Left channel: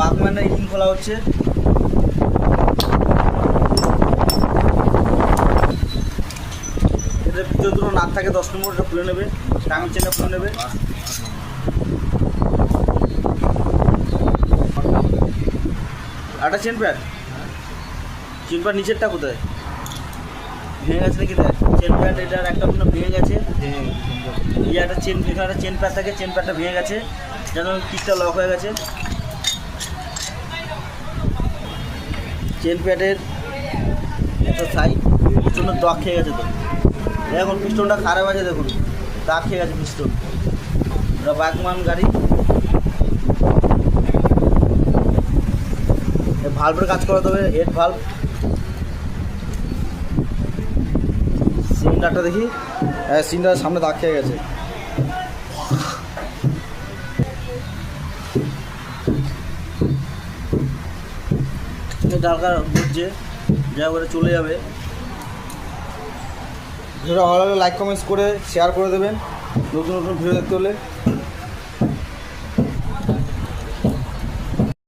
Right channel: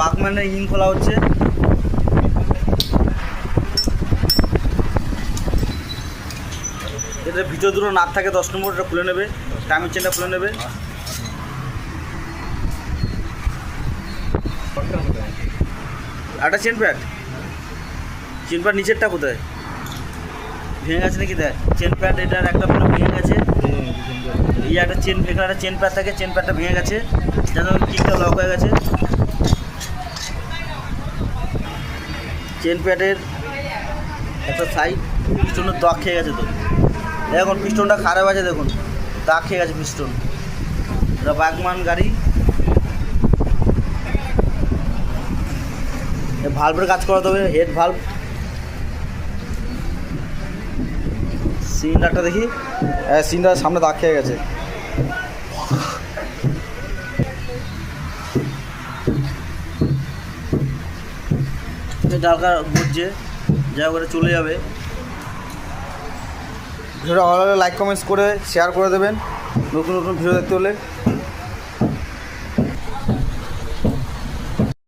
বাগম্যানের engine খোলা হচ্ছে। এটার ভিতরে দুটো নাট থাকে, দশ নম্বর এটা খুলে নেবে টাইমের চেনটা খুলে নেবে। একটা চেন প্যাড। চেন প্যাড নিচেরটা কোথায়? ভেঙে গেছে নাকি দেখ? চেন প্যাড এটার একটা কোনো ভেঙে গেছে। ইয়ে একটা চেন এখানে একটা চেন প্যাড থাকে চেন প্যাডটা ভেঙে গেছে। যেন কিকটা লক হয়ে গেছে। চেন প্যাডের একটা সাইড পিস্টনের দাগ খেয়ে গেছে তো। এখন পিস্টনটা খারাপ আছে, দেখুন। দাগ খেয়ে গেছে পিস্টন এটা বাগমান গাড়ি। ভাল্বের কাজ করাতে হবে হেড ভাল্ব সিলিন্ডারটা দেখি। হ্যাঁ সিলিন্ডার সামনে দাগ খেয়ে গেছে। ডালকা ঘুরছে যা করে চলে যাবে। ভিডিওটা ভালো লাগলে লাইক কমেন্টস করে শেয়ার করে দেবেন। নতুন নতুন ভিডিও দেখতে হলে।